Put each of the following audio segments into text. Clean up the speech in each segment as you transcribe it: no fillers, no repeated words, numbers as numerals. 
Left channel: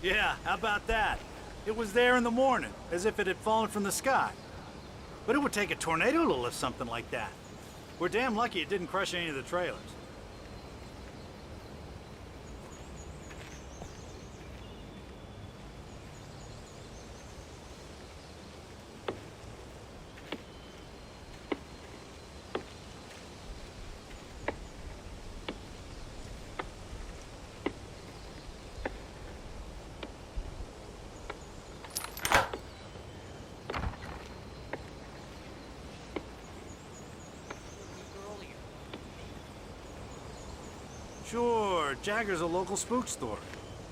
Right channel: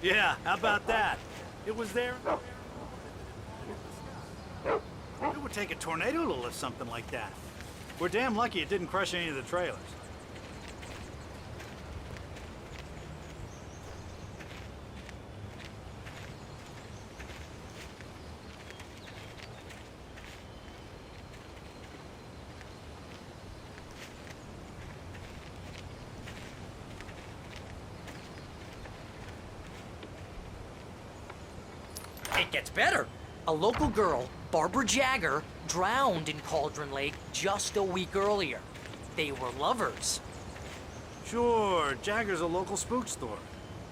Yeah, how about that? It was there in the morning, as if it had fallen from the sky. But it would take a tornado to lift something like that. We're damn lucky it didn't crush any of the trailers. It gets better. A local girl, Barbara Jagger, drowned in Cauldron Lake just a week earlier. They were lovers. Sure, Jagger's a local spook store.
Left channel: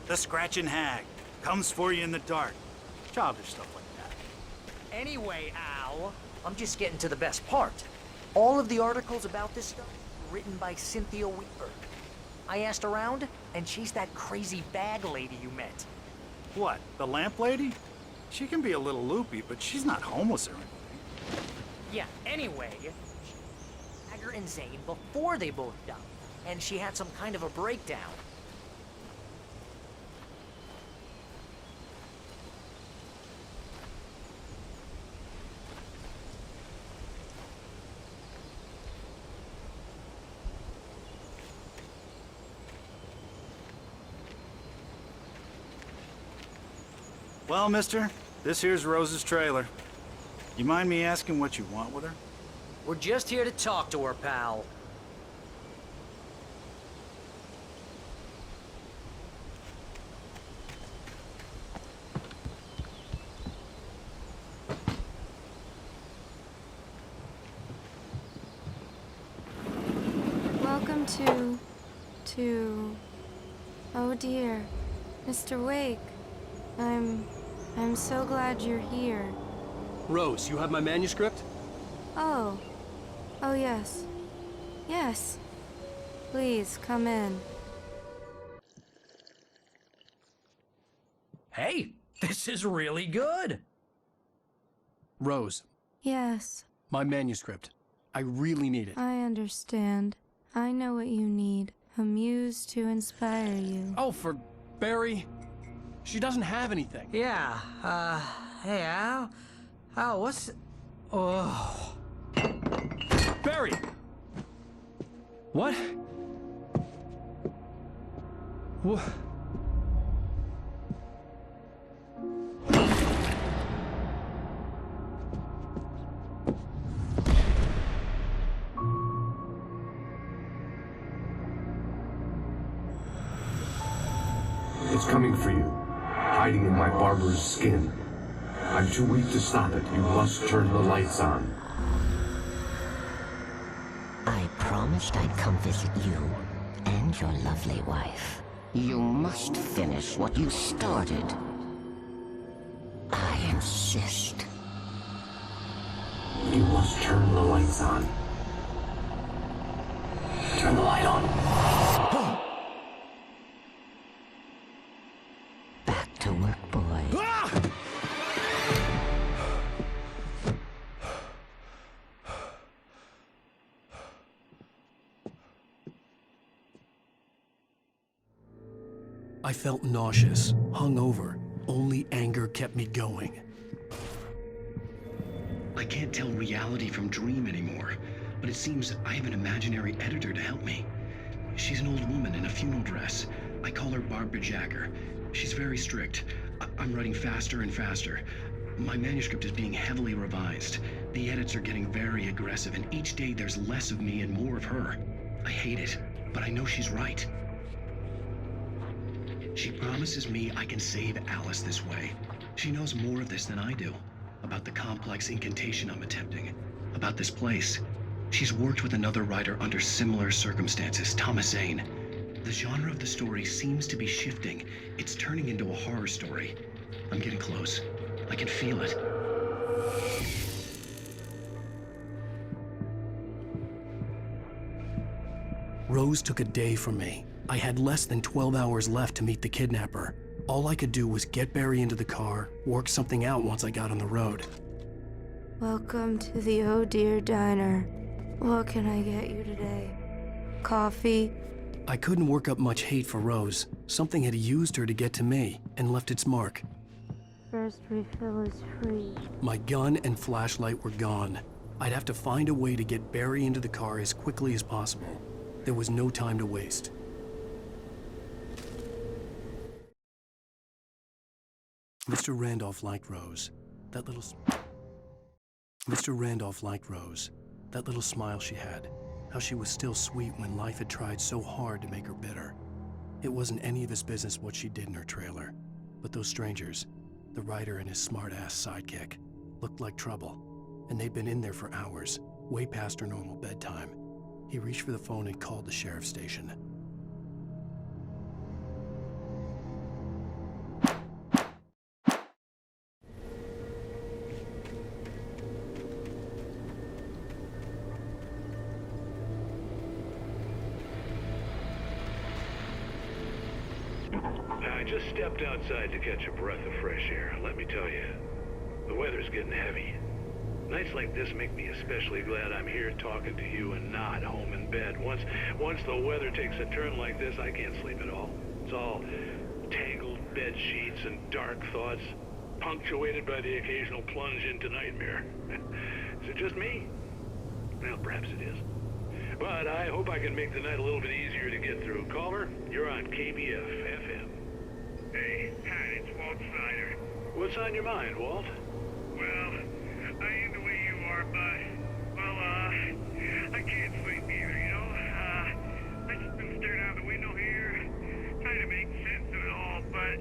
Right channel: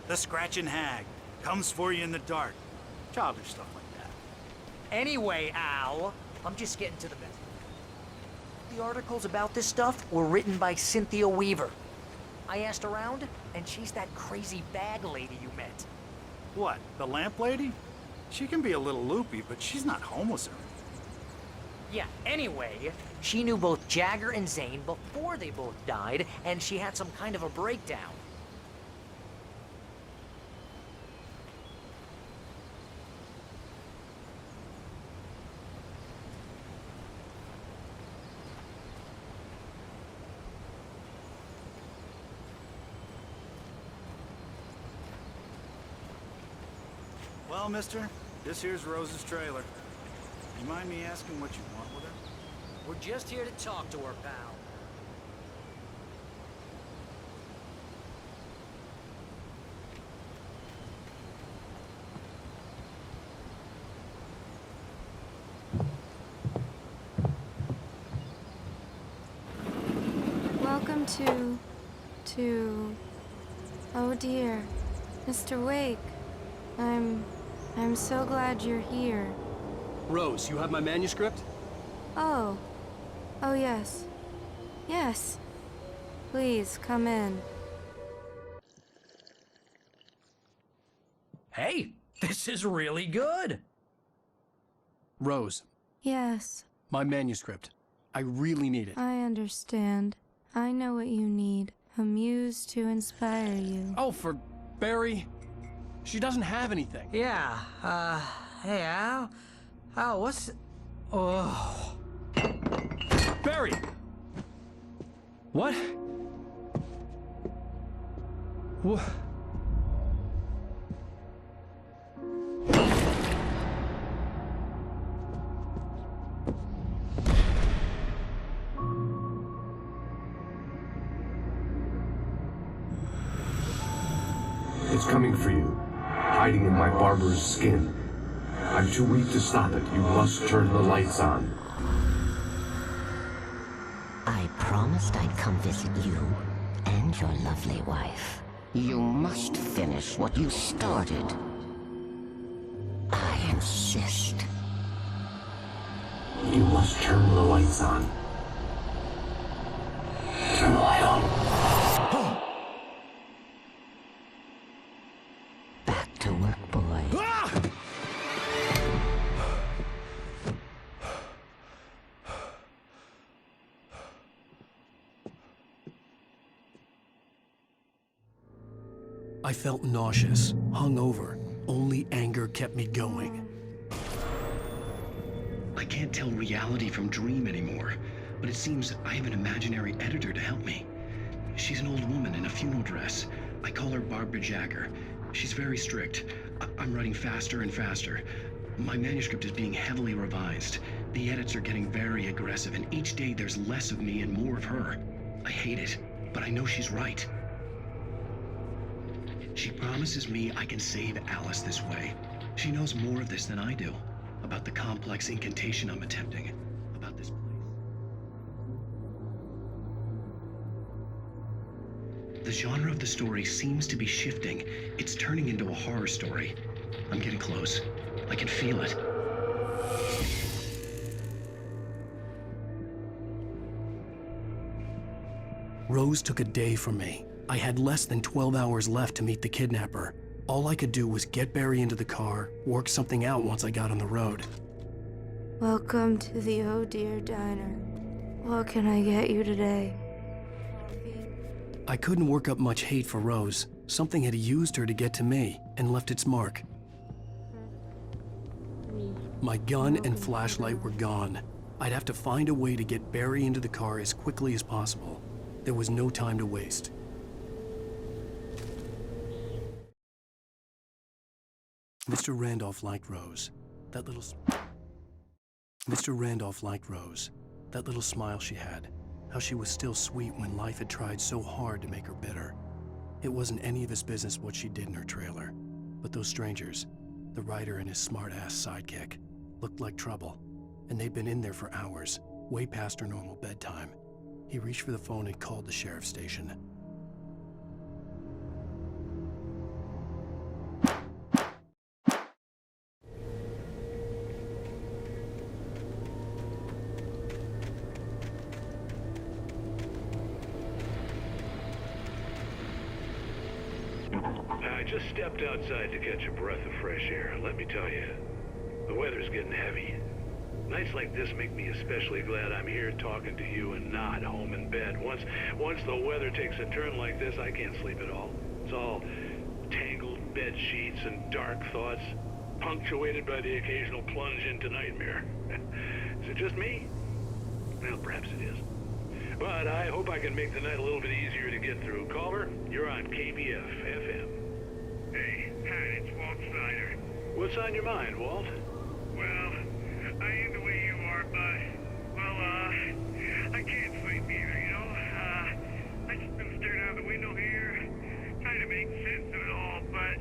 The Scratchin' Hag. Comes for you in the dark. Childish stuff like that. Anyway, Al, I'm just getting to the best part. All of the articles about this stuff were written by Cynthia Weaver. I asked around, and she's that crazy bag lady you met. What, the lamp lady? She can be a little loopy, but she's not homeless or anything. Yeah, anyway, she knew both Jagger and Zane before they both died, and she had some kind of a breakdown. Well, mister, this here's Rose's trailer. You mind me asking what you want with her? We're just here to talk to her, pal. Welcome to... Oh dear, Mr. Wake. I'm so glad you're here. Rose, you have my manuscript? Oh. Oh, yes. Yes. Please, come in. Hey, this is really good. Rose, Yes, my manuscript. I really need it. I understand. I know what you need. A muse to inspire you. Oh, for Barry. She doesn't have anything. Yeah, hey, Al? Al, what's... Oh... Barry! What? What? It's coming for you, hiding in my barber's skin. I'm too weak to stop it. You must turn the lights on. I promised I'd come visit you and your lovely wife. You must finish what you started. I insist. You must turn the lights on. Turn the light on. Back to work, boy. I felt nauseous, hungover. Only anger kept me going. I can't tell reality from dream anymore, but it seems I have an imaginary editor to help me. She's an old woman in a funeral dress. I call her Barbara Jagger. She's very strict. I'm writing faster and faster. My manuscript is being heavily revised. The edits are getting very aggressive, and each day there's less of me and more of her. I hate it, but I know she's right. She promises me I can save Alice this way. She knows more of this than I do. About the complex incantation I'm attempting. About this place. She's worked with another writer under similar circumstances, Thomas Zane. The genre of the story seems to be shifting. It's turning into a horror story. I'm getting close. I can feel it. Rose took a day from me. I had less than 12 hours left to meet the kidnapper. All I could do was get Barry into the car, work something out once I got on the road. Welcome to the Oh Dear Diner. What can I get you today? Coffee? I couldn't work up much hate for Rose. Something had used her to get to me and left its mark. First refill is free. My gun and flashlight were gone. I'd have to find a way to get Barry into the car as quickly as possible. There was no time to waste. Mr. Randolph liked Rose. Mr. Randolph liked Rose. That little smile she had. How she was still sweet when life had tried so hard to make her bitter. It wasn't any of his business what she did in her trailer. But those strangers, the writer and his smart-ass sidekick, looked like trouble. And they'd been in there for hours, way past her normal bedtime. He reached for the phone and called the sheriff's station. I just stepped outside to catch a breath of fresh air, and let me tell you, the weather's getting heavy. Nights like this make me especially glad I'm here talking to you and not home in bed. Once the weather takes a turn like this, I can't sleep at all. It's all tangled bed sheets and dark thoughts, punctuated by the occasional plunge into nightmare. Is it just me? Well, perhaps it is. But I hope I can make the night a little bit easier to get through. Caller, you're on KBF FM. Hey, Pat, it's Walt Snyder. What's on your mind, Walt? Well, I ain't the way you are, but, I can't sleep either, you know? I just been staring out the window here, trying to make sense of it all, but,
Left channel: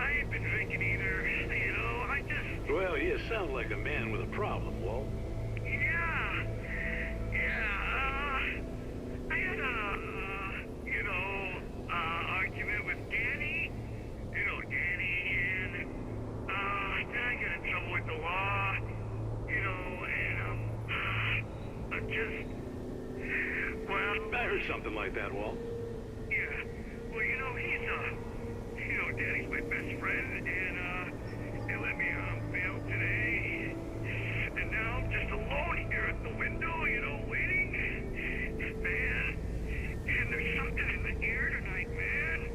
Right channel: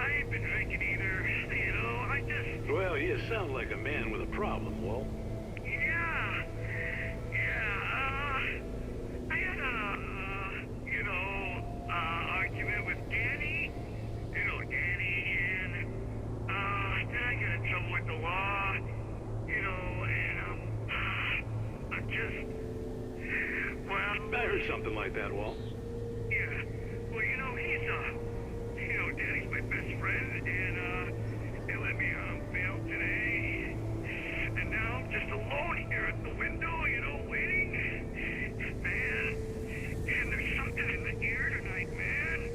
I ain't been drinking either, you know? Well, you sound like a man with a problem, Walt. I had argument with Danny. You know Danny, and, then I got in trouble with the law, you know, and, I'm just, well... I heard something like that, Walt. Yeah, well, you know, Danny's my best friend, and, they let me, bail today, and now I'm just alone here at the window, you know, waiting, man, and there's something in the air tonight, man.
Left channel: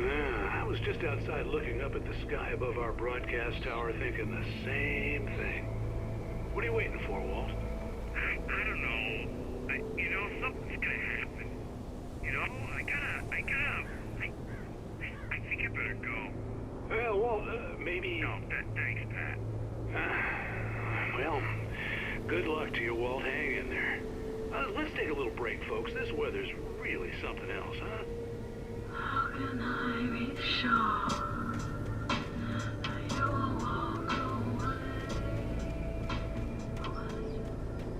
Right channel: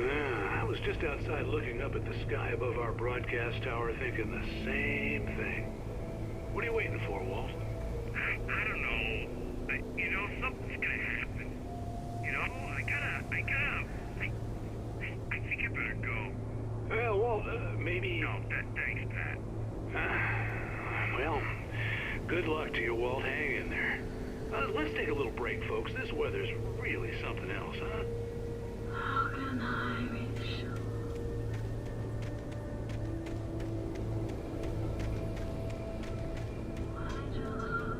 I was just outside looking up at the sky above our broadcast tower thinking the same thing. What are you waiting for, Walt? I don't know. You know, something's gonna happen. You know, I think I better go. Well, Walt, maybe... No, thanks, Pat. Well, good luck to you, Walt. Hang in there. Let's take a little break, folks. This weather's really something else, huh? How can I be sure that you will walk away? Why did you look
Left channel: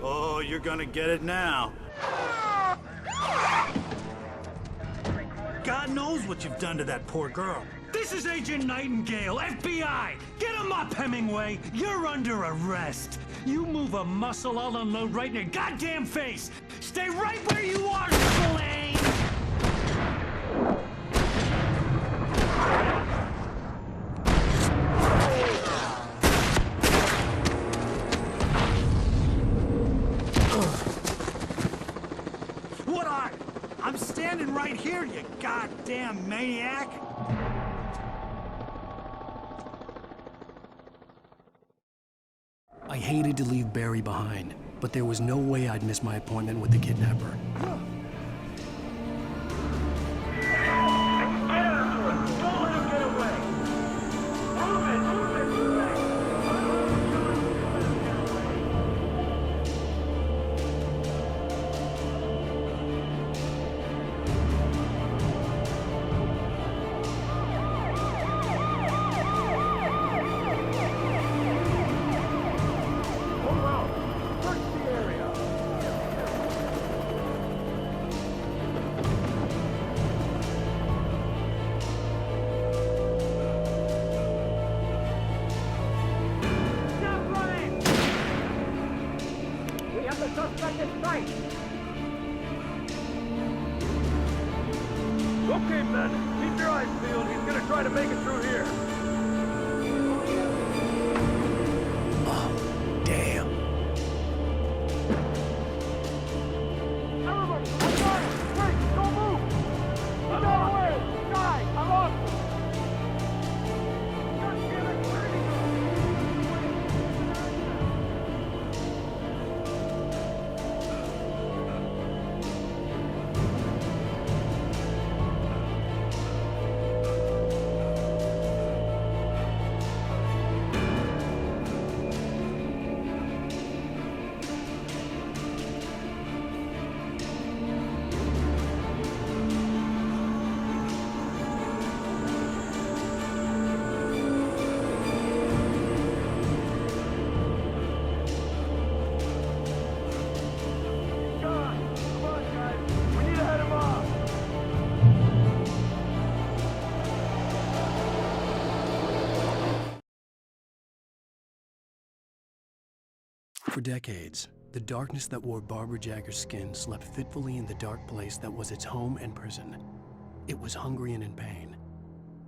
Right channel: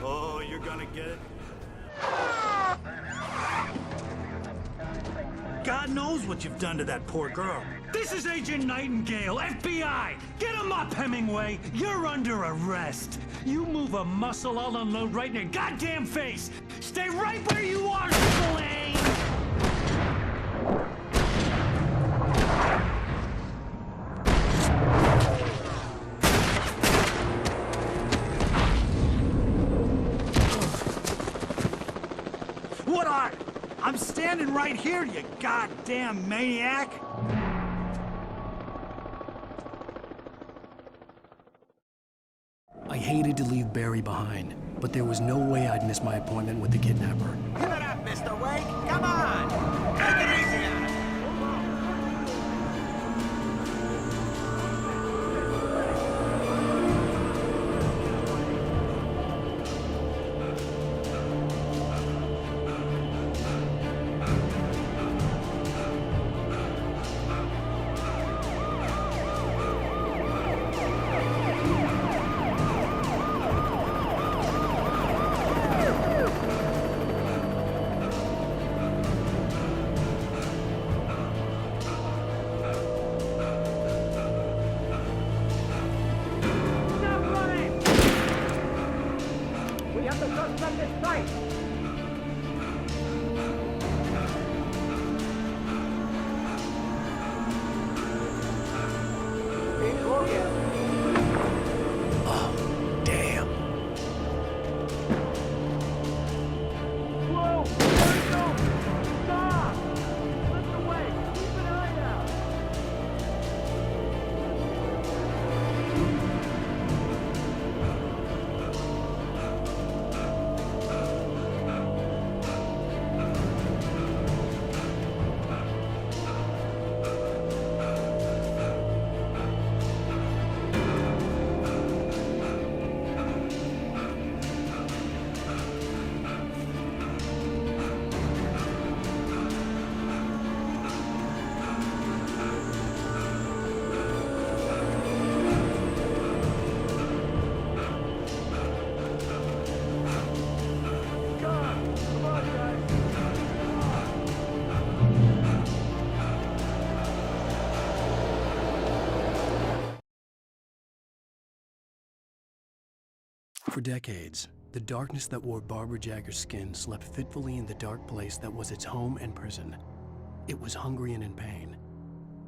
Oh, you're gonna get it now. God knows what you've done to that poor girl. This is Agent Nightingale, FBI! Get him up, Hemingway! You're under arrest! You move a muscle, I'll unload right in your goddamn face! Stay right where you are, Spillane! What are? I'm standing right here, you goddamn maniac! I hated to leave Barry behind, but there was no way I'd miss my appointment with the kidnapper. Shut up, Mr. Wake! Come on! Take it easy on him! Get up! Don't let him get away! Move it! Move it! Move it! Let him get away! at this site! Okay, men. Keep your eyes peeled. He's gonna try to make it through here. He's looking. Oh, damn. Come on, guys. We need to head him off. For decades, the darkness that wore Barbara Jagger's skin slept fitfully in the dark place that was its home and prison. It was hungry and in pain.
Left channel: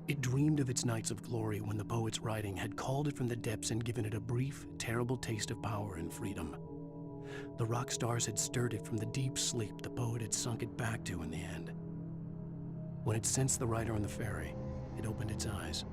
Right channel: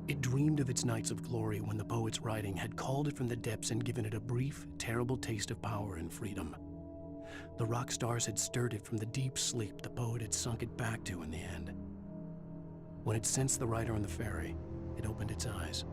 It dreamed of its nights of glory when the poet's writing had called it from the depths and given it a brief, terrible taste of power and freedom. The rock stars had stirred it from the deep sleep the poet had sunk it back to in the end. When it sensed the writer on the ferry, it opened its eyes.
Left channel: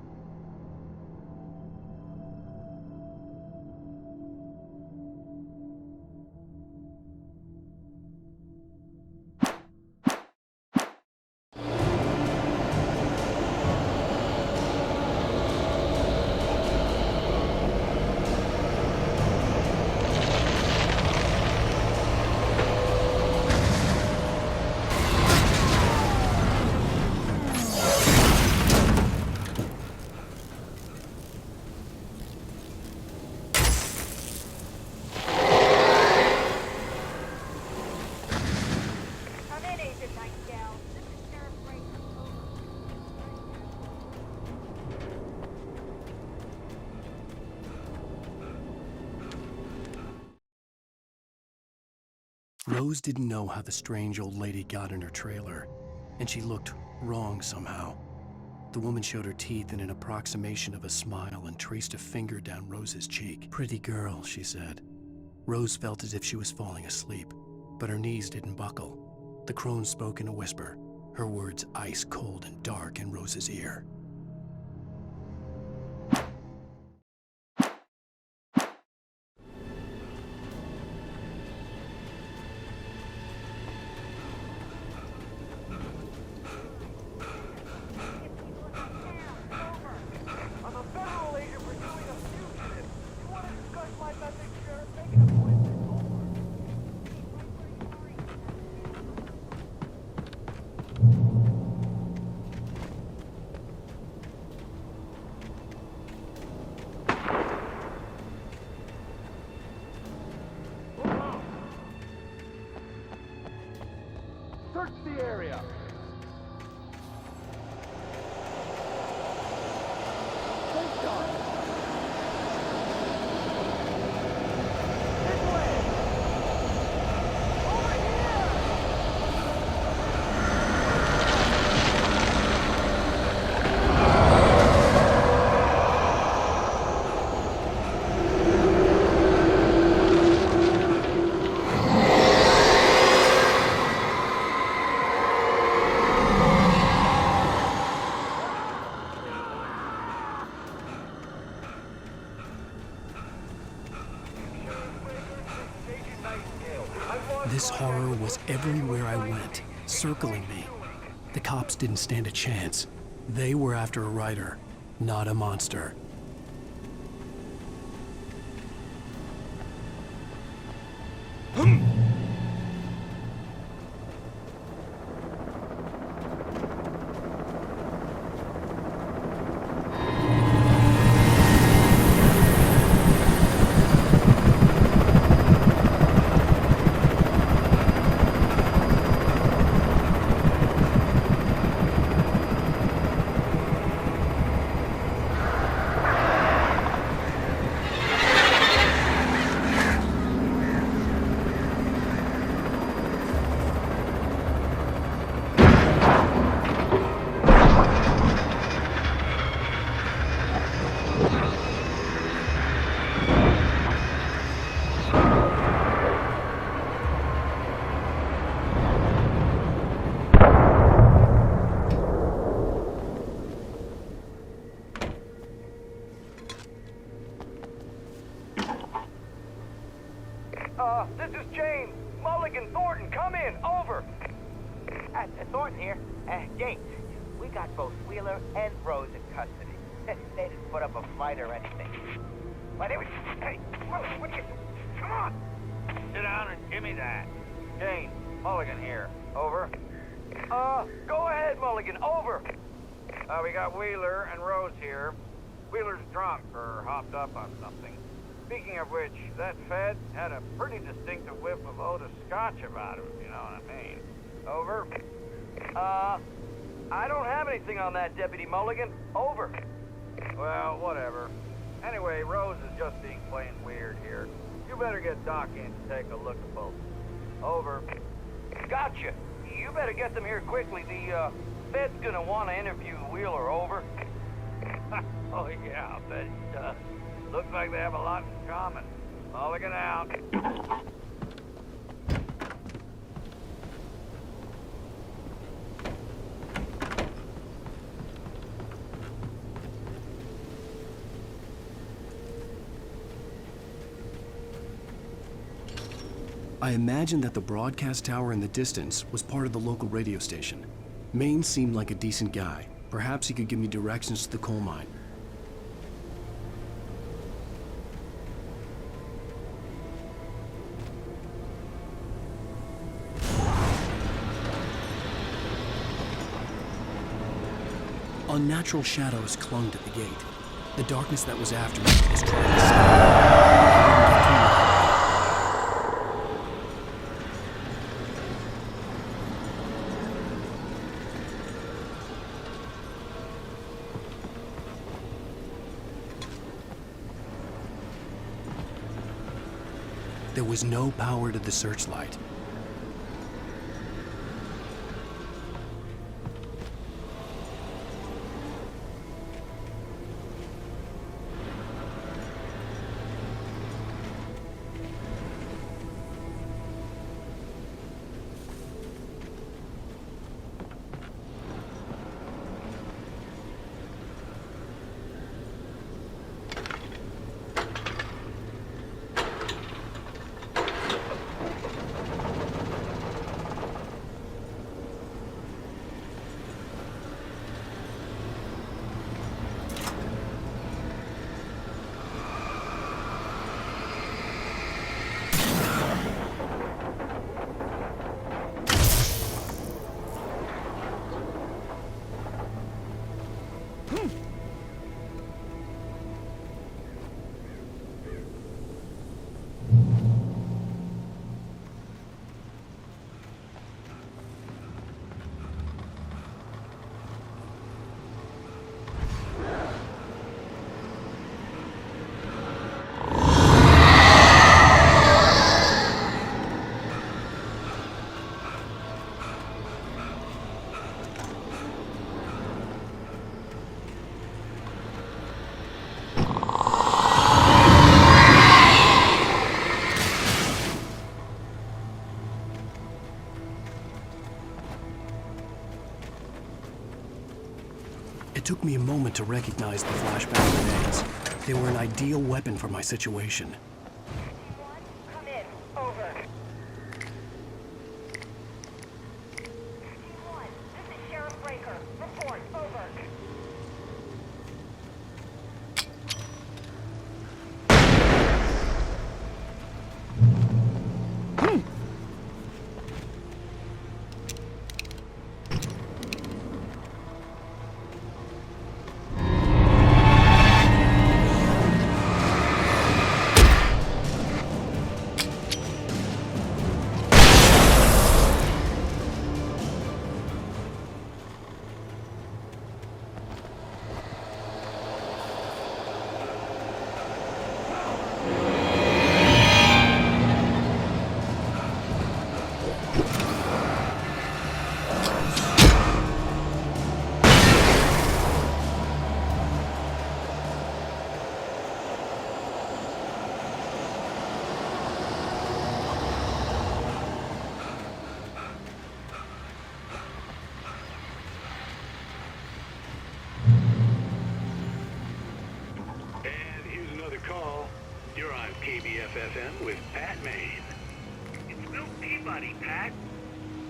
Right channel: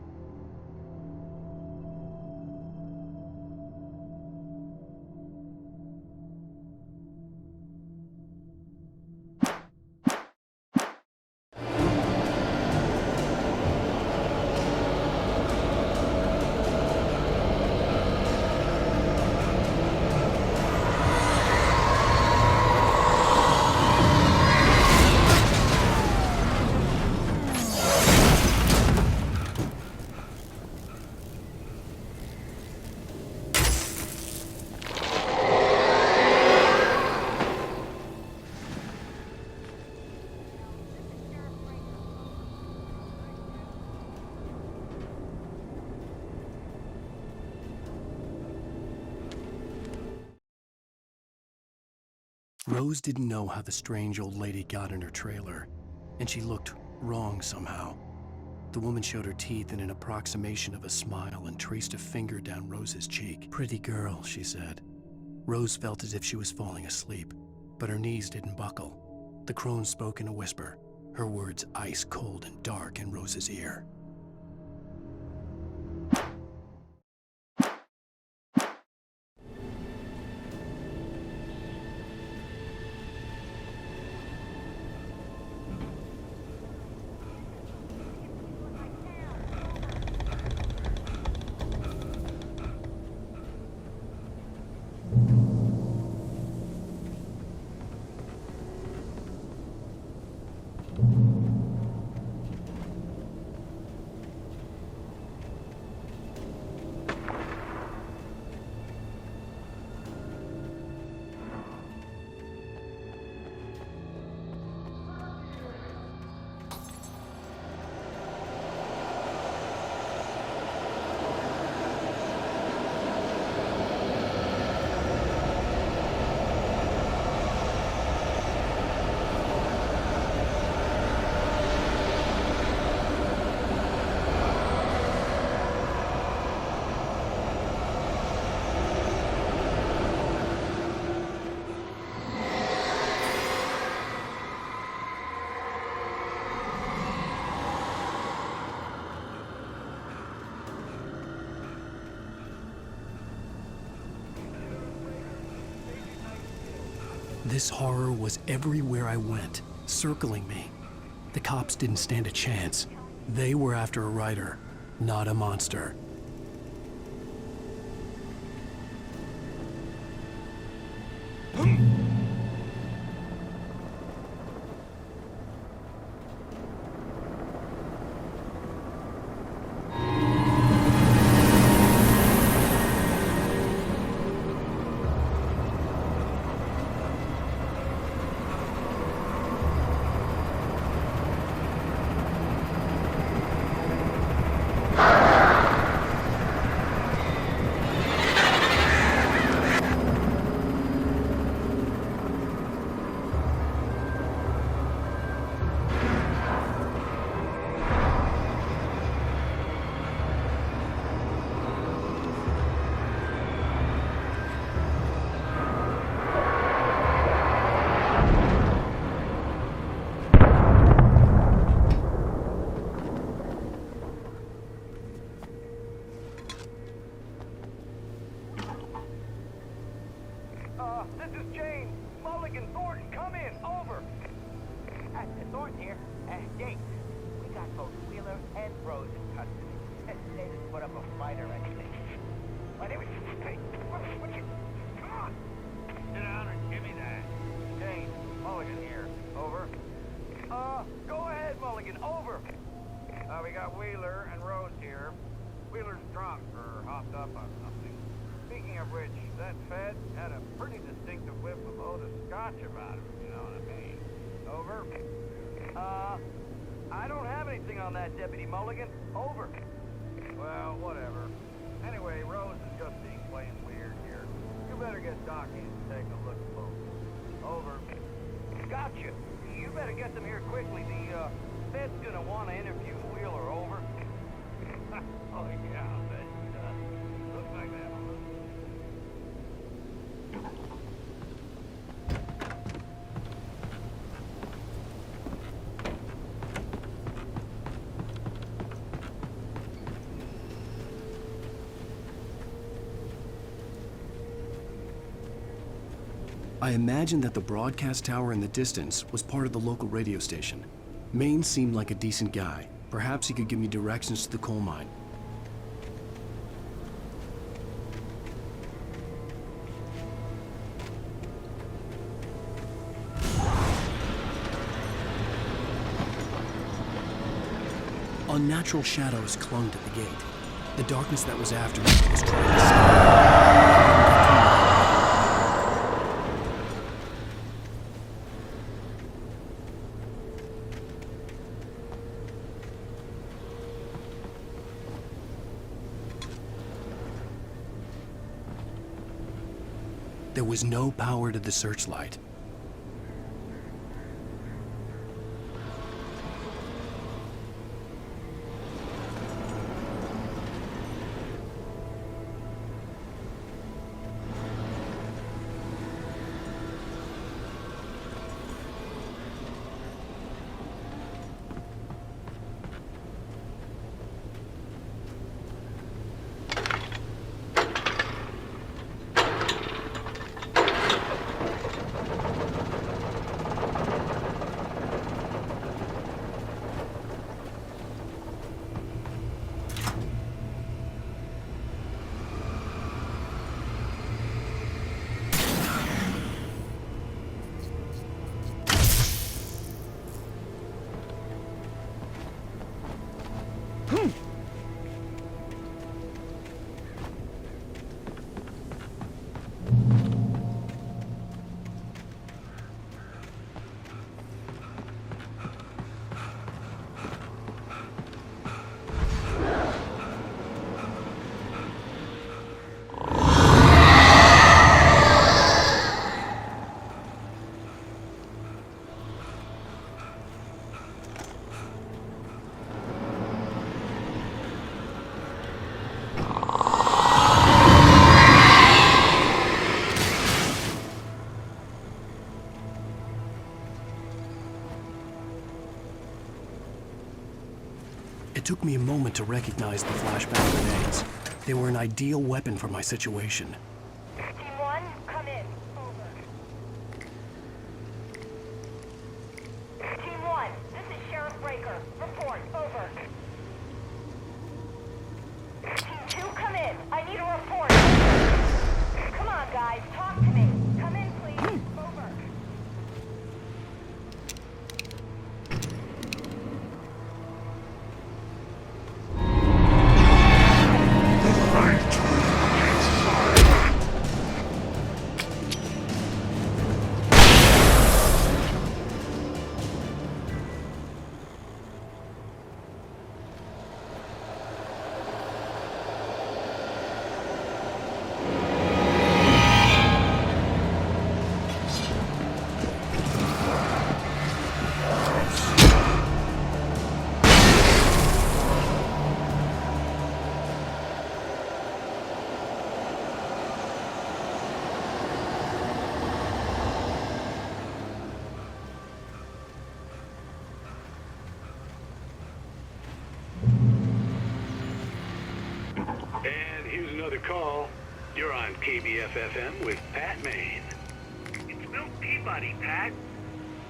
Rose didn't know how the strange old lady got in her trailer, and she looked wrong somehow. The woman showed her teeth in an approximation of a smile and traced a finger down Rose's cheek. "Pretty girl," she said. Rose felt as if she was falling asleep, but her knees didn't buckle. The crone spoke in a whisper, her words ice cold and dark in Rose's ear. Search the area. This horror was everywhere I went, circling me. The cops didn't stand a chance. They were after a writer, not a monster. Wheeler and Rose in custody. They didn't put up a fight or anything. Why, they were... Hey, what are you... Come on! Sit down and give me that. Jane, Mulligan here. Over. Go ahead, Mulligan. Over. We got Wheeler and Rose here. Wheeler's drunk or hopped up on something. Speaking of which, that Fed had a pretty distinctive whiff of Otis Scotch about him, if you know what I mean. Over. I don't have anything on that, Deputy Mulligan. Over. Well, whatever. Anyway, Rose is just being plain weird here. You better get Doc in to take a look at both. Over. Gotcha. You better get them here quickly. The, Fed's gonna want to interview Wheeler. Over. Oh, yeah, I'll bet it does. Looks like they have a lot in common. Mulligan out. I imagined that the broadcast tower in the distance was part of the local radio station. Maine seemed like a decent guy. Perhaps he could give me directions to the coal mine. Unnatural shadows clung to the gate. The darkness that was after me was trying to stop. There was no power to the searchlight. It took me a moment to recognize the flashbang grenades. They were an ideal weapon for my situation. Team 1, come in. Over. Team 1, this is Sheriff Breaker. Report. Over. Team 2, come in. I need a report. Come on, guys. Talk to me. Come in, please. Over. Call. You're on KBFFM with Pat Maine. It's Milt Peabody, Pat.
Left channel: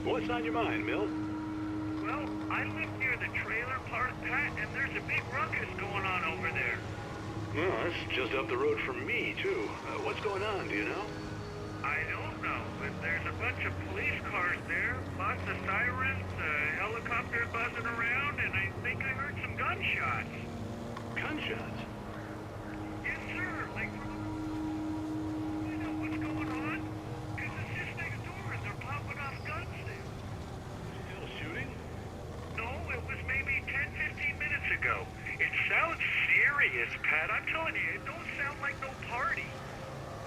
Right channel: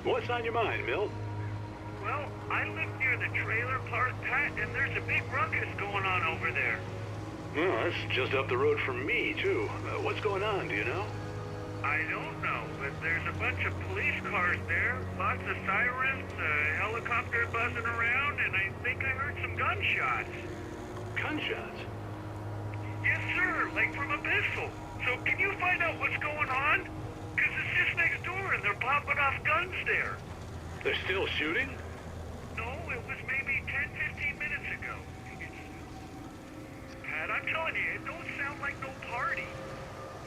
What's on your mind, Milt? Well, I live near the trailer park, Pat, and there's a big ruckus going on over there. Well, that's just up the road from me, too. What's going on, do you know? I don't know, but there's a bunch of police cars there, lots of sirens, a helicopter buzzing around, and I think I heard some gunshots. Gunshots? Yes, sir, like from a pistol. So can you find out what's going on? Because it's just next door and they're popping off guns there. They're still shooting? No, it was maybe 10, 15 minutes ago. It sounds serious, Pat. I'm telling you, it don't sound like no party.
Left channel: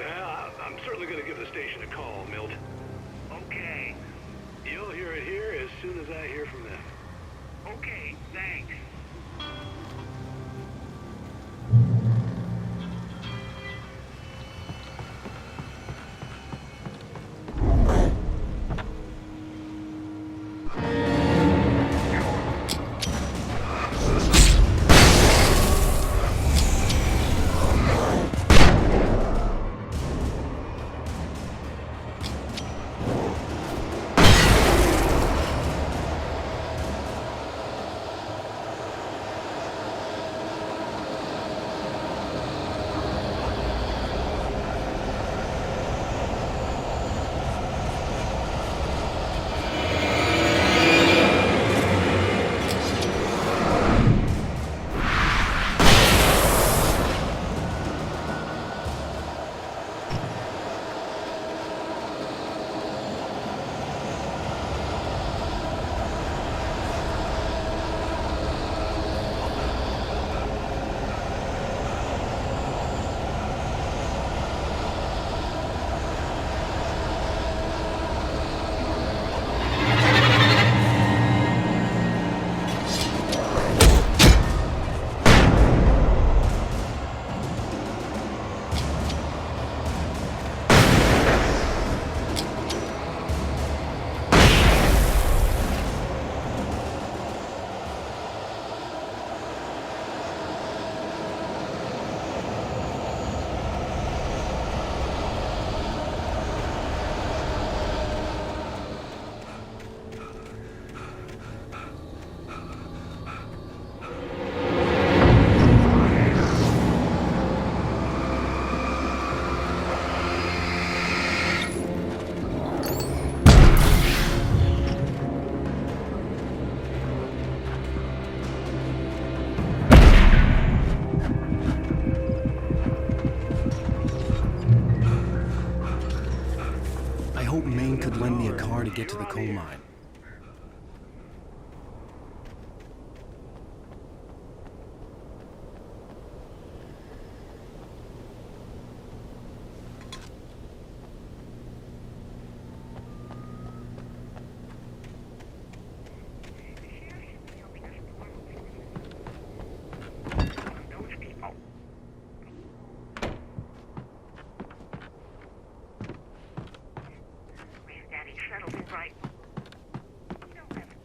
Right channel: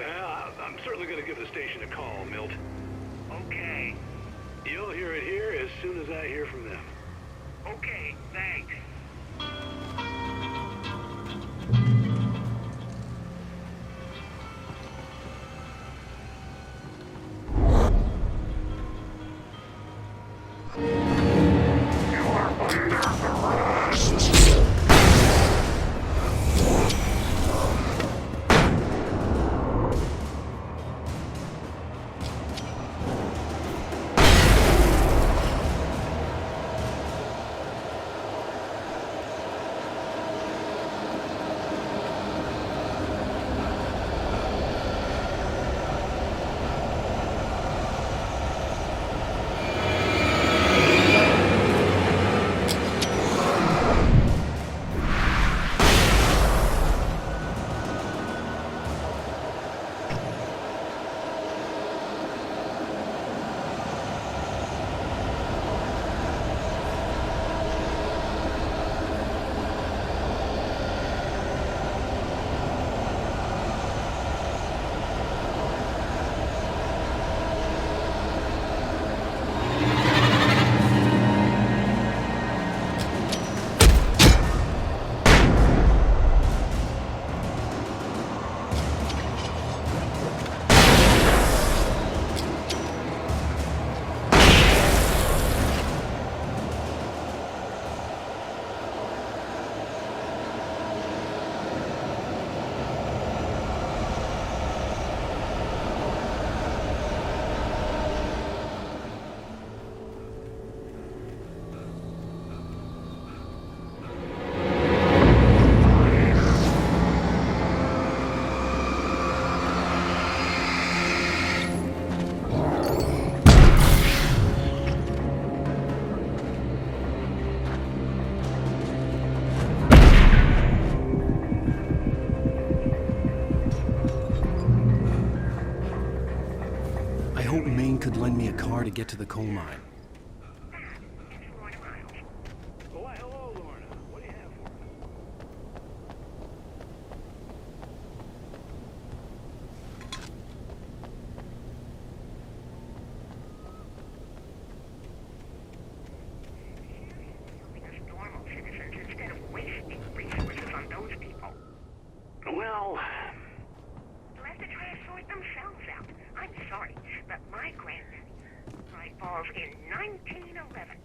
I'm certainly going to give the station a call, Milt. Okay. You'll hear it here as soon as I hear from them. Okay, thanks. I hoped Maine could lend me a car to get to the coal mine. Well, Let the trash sort themselves out. I'm sorry, but my granddaddy settled in Bright Falls in 1911.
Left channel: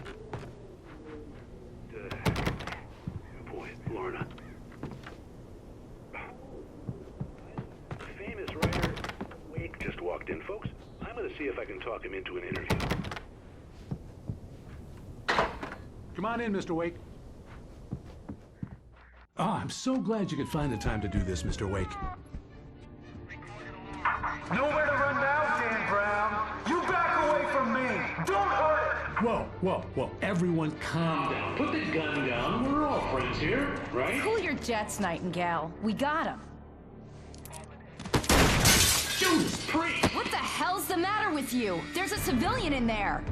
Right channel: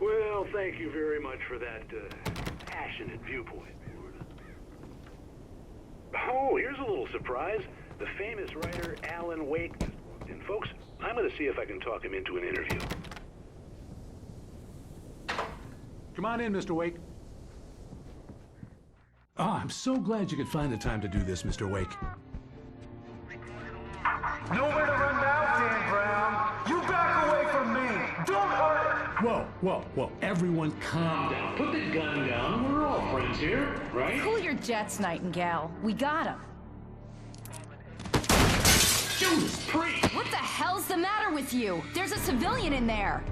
well, thank you very much for that passionate viewpoint, Lorna. Oh, here's a little surprise. The famous writer Alan Wake just walked in, folks. I'm going to see if I can talk him into an interview. Come on in, Mr. Wake. Oh, I'm so glad you could find the time to do this, Mr. Wake. Nowhere to run now, Dan Brown. You back away from me. Don't hurt her. Whoa. Everyone calm down. Put the gun down. We're all friends here, right? Cool your jets, Nightingale. We got him. Judas Priest! What the hell's the matter with you? There's a civilian in there.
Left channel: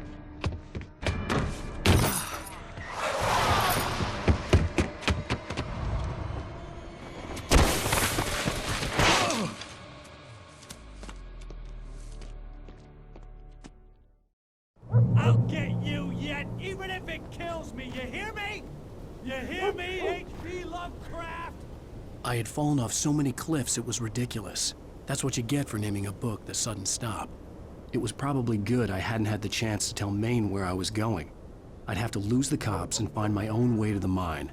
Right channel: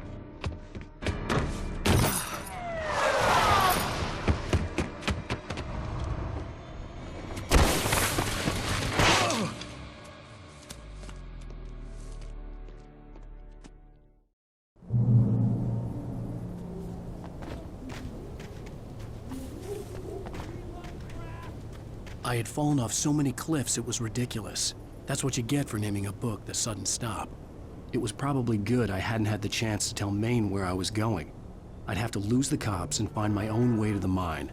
I'll get you yet, even if it kills me. You hear me? You hear me, H.P. Lovecraft? I had fallen off so many cliffs it was ridiculous. That's what you get for naming a book The Sudden Stop. It was probably good I hadn't had the chance to tell Maine where I was going. I'd have to lose the cops and find my own way to the mine.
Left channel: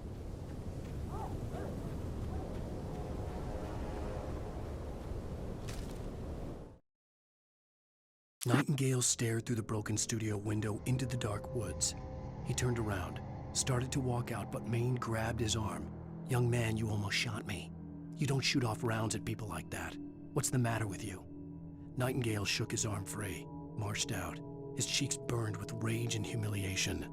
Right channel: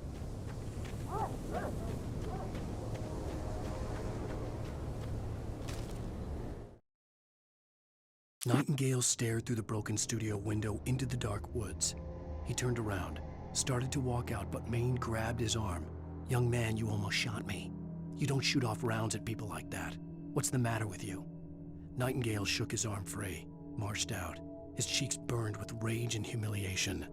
Nightingale stared through the broken studio window into the dark woods. He turned around, started to walk out, but Maine grabbed his arm. "Young man, you almost shot me. You don't shoot off rounds at people like that. What's the matter with you?" Nightingale shook his arm free, marched out. His cheeks burned with rage and humiliation.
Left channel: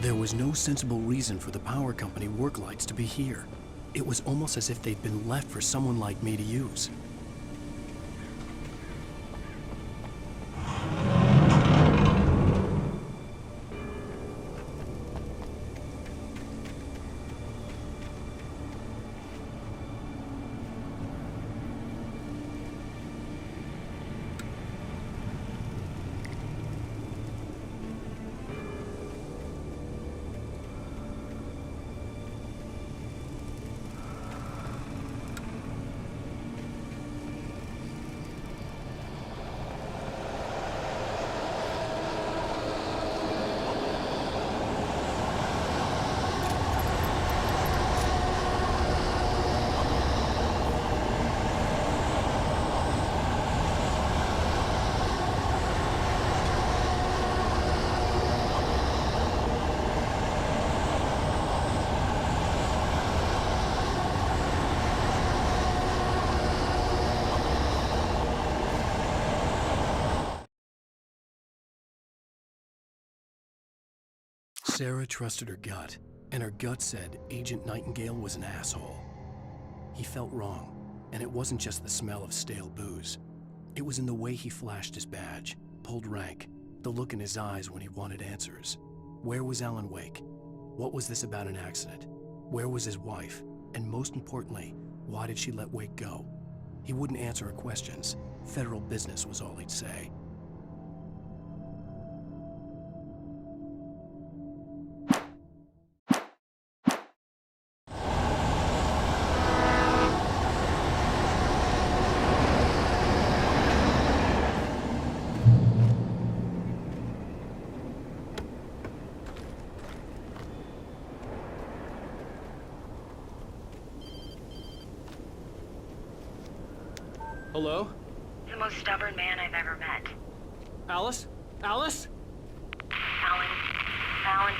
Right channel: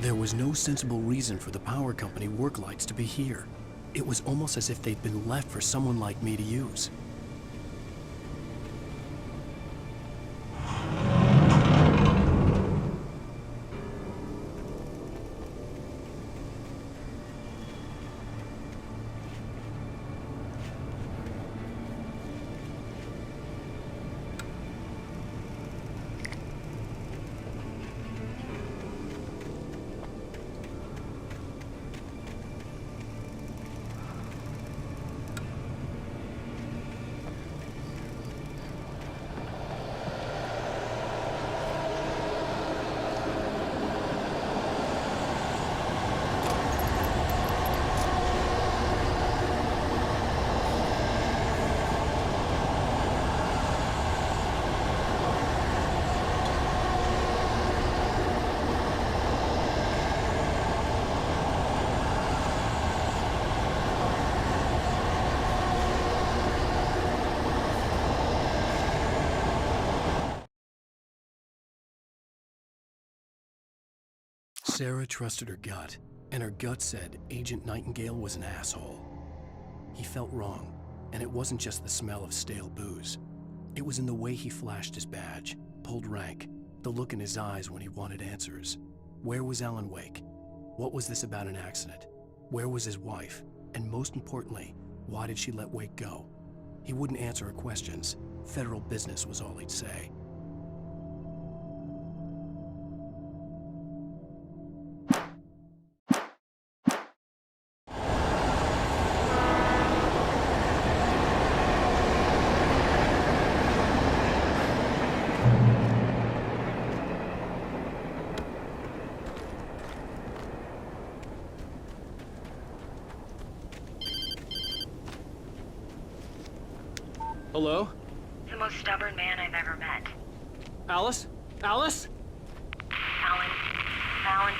There was no sensible reason for the power company work lights to be here. It was almost as if they'd been left for someone like me to use. Sarah trusted her gut. And her gut said Agent Nightingale was an asshole. He felt wrong, and it wasn't just the smell of stale booze. It was in the way he flashed his badge, pulled rank, the look in his eyes when he wanted answers. Where was Alan Wake? What was this about an accident? Where was his wife? And most importantly, why did she let Wake go? He wouldn't answer her questions. Federal business was all he'd say. Hello? The most stubborn man I've ever met. Alice? Alice? Alan. Alan.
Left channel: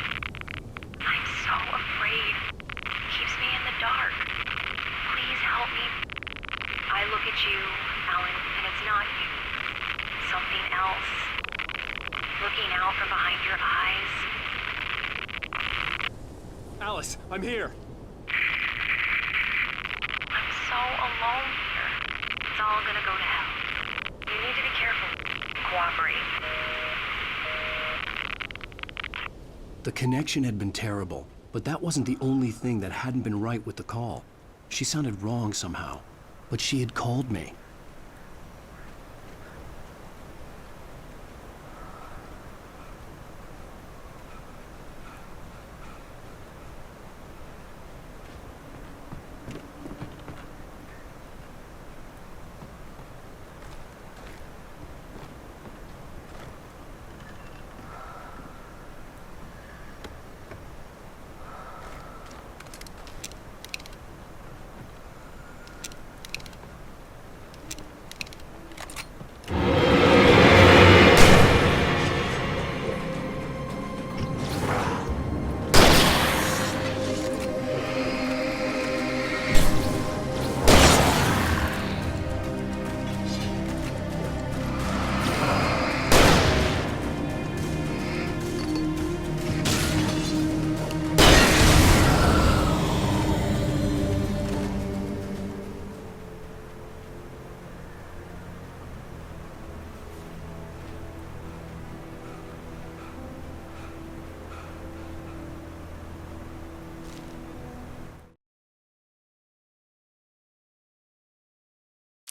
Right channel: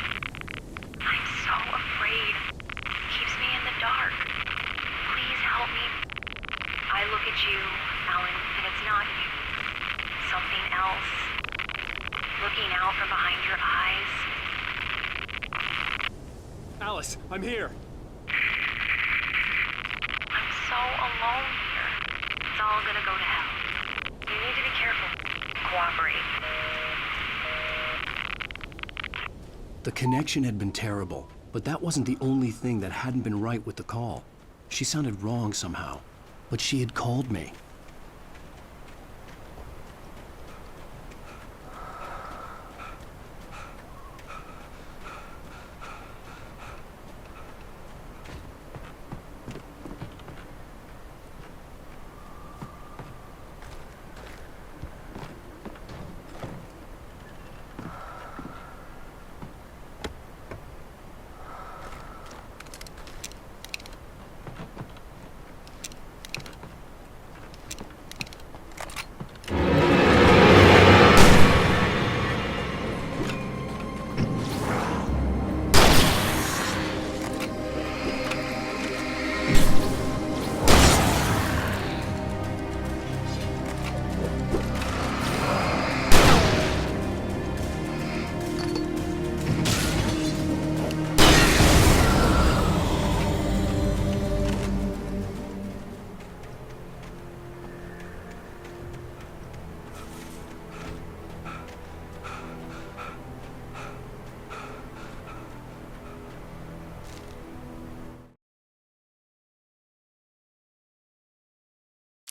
I'm so afraid. He keeps me in the dark. Please help me. I look at you, Alan, and it's not you. It's something else. Looking out from behind your eyes. Alice, I'm here. I'm so alone here. It's all gonna go to hell. You need to be careful. Cooperate. The connection had been terrible, but that wasn't the only thing that hadn't been right with the call. She sounded wrong somehow, but she had called me.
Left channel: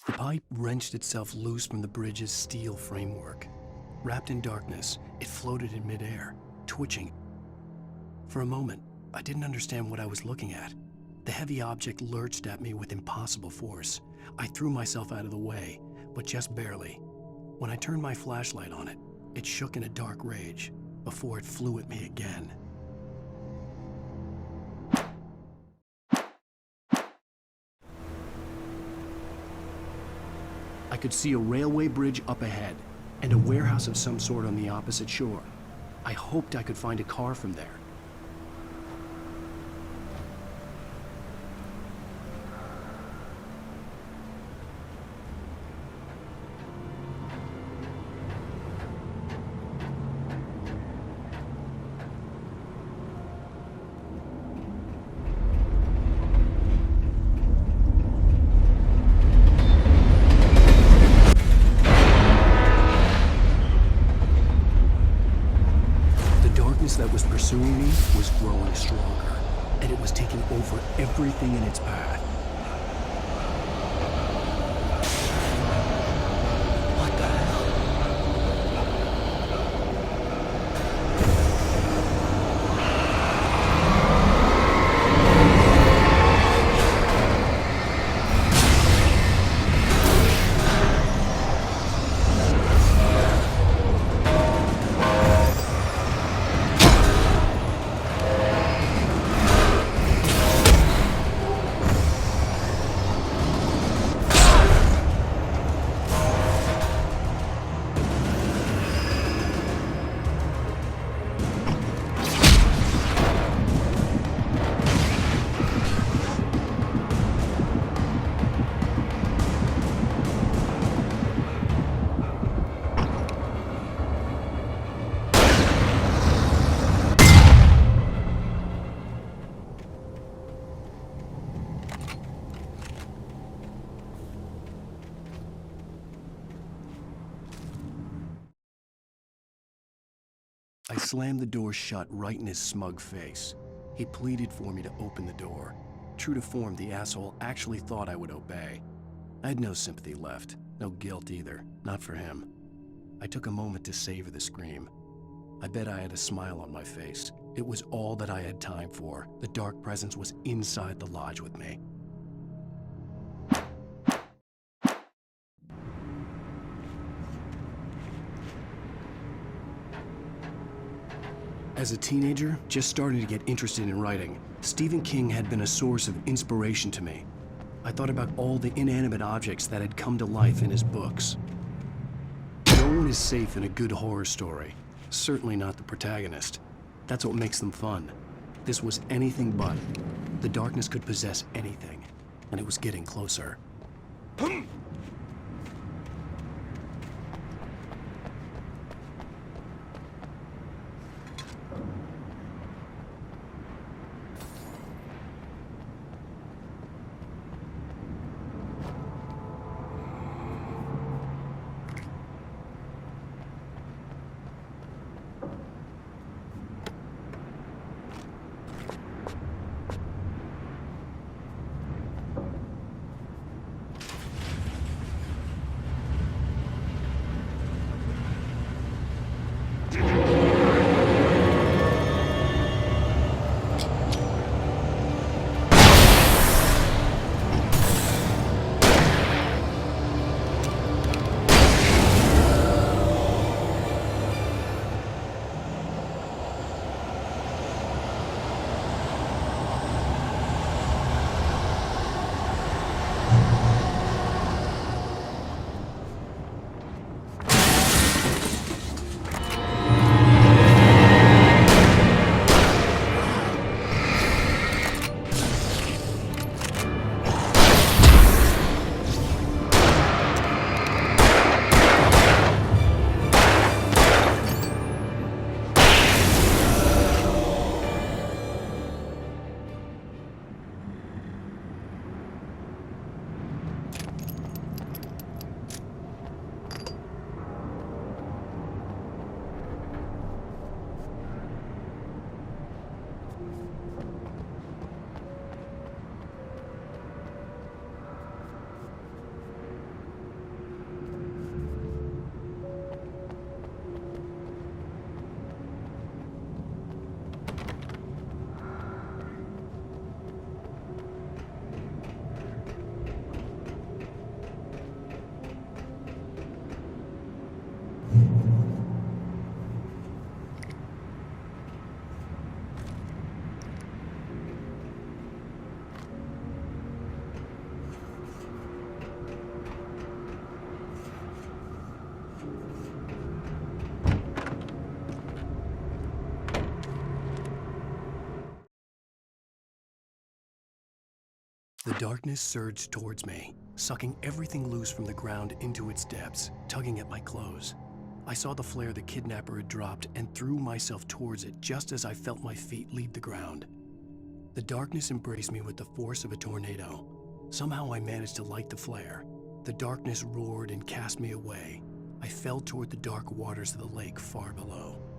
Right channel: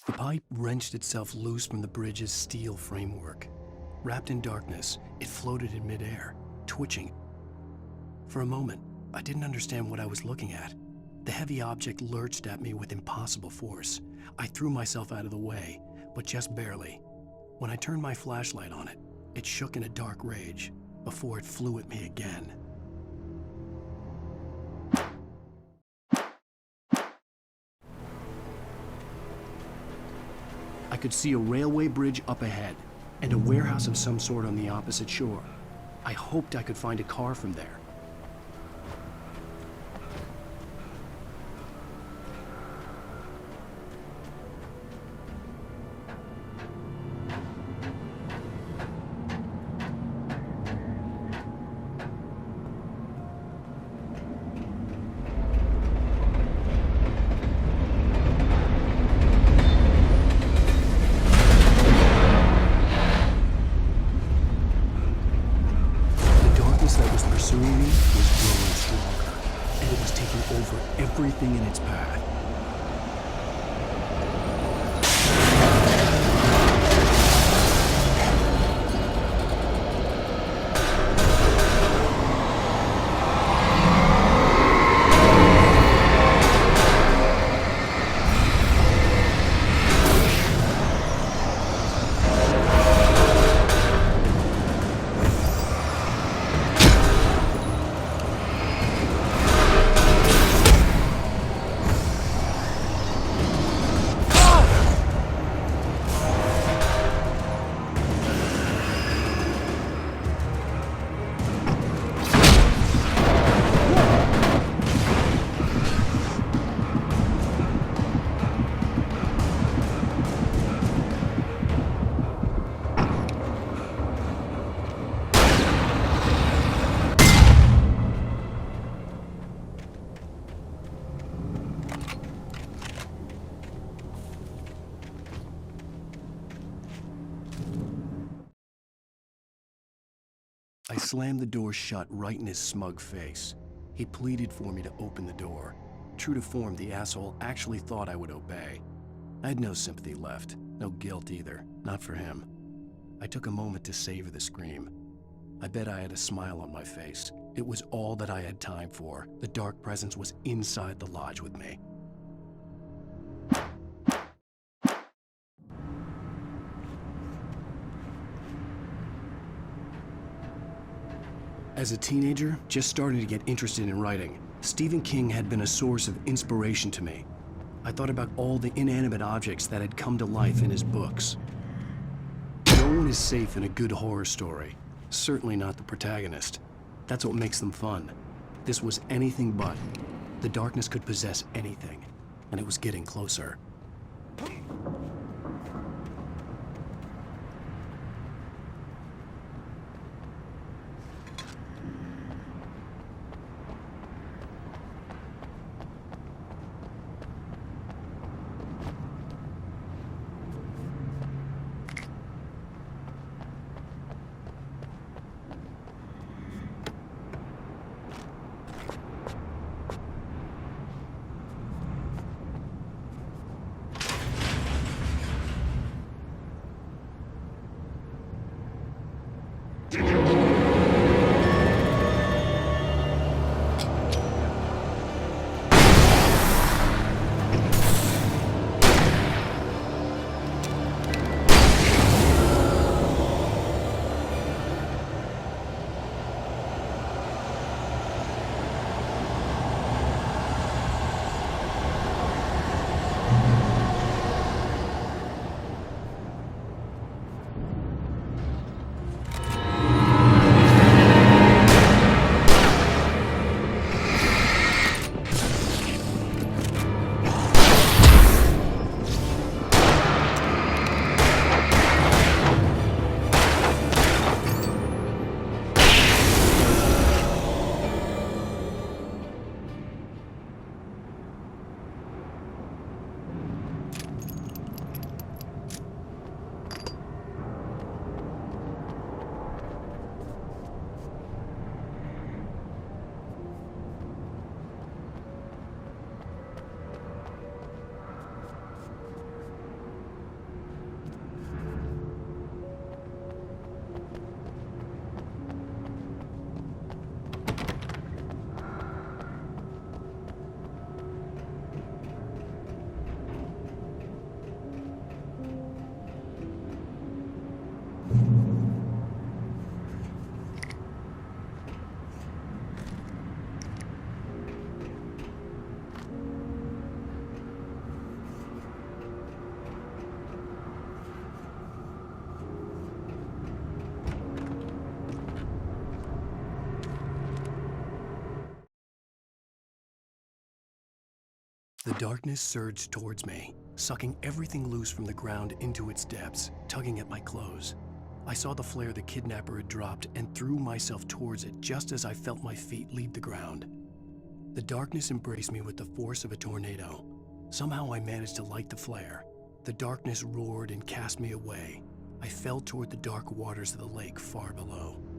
The pipe wrenched itself loose from the bridge's steel framework. Wrapped in darkness, it floated in midair, twitching. For a moment, I didn't understand what I was looking at. The heavy object lurched at me with impossible force. I threw myself out of the way, but just barely. When I turned my flashlight on it, it shook in a dark rage before it flew at me again. I could see a railway bridge up ahead and a warehouse of some sort on the opposite shore. I hoped I could find a car from there. That was pursuing me was growing stronger, and it was taking over everything in its path. I slammed the door shut right in his smug face. He pleaded for me to open the door. True to form, the asshole actually thought I would obey. I had no sympathy left, no guilt either, not for him. I took a moment to savor the scream. I bet I had a smile on my face. It was all that I had time for. The dark presence was inside the lodge with me. As a teenager, just starting to get interested in writing, Stephen King had been a source of inspiration to me. I thought about all the inanimate objects that had come to life in his books. No one is safe in a good horror story. Certainly not the protagonist. That's what makes them fun. This was anything but. The darkness could possess anything, and it was getting closer. The darkness surged towards me, sucking everything loose from the ground into its depths, tugging at my clothes. I saw the flare the kidnapper had dropped and threw myself towards it just as I felt my feet leave the ground. The darkness embraced me with the force of a tornado. Somehow I managed to light the flare. The darkness roared and cast me away. I fell toward the dark waters of the lake far below.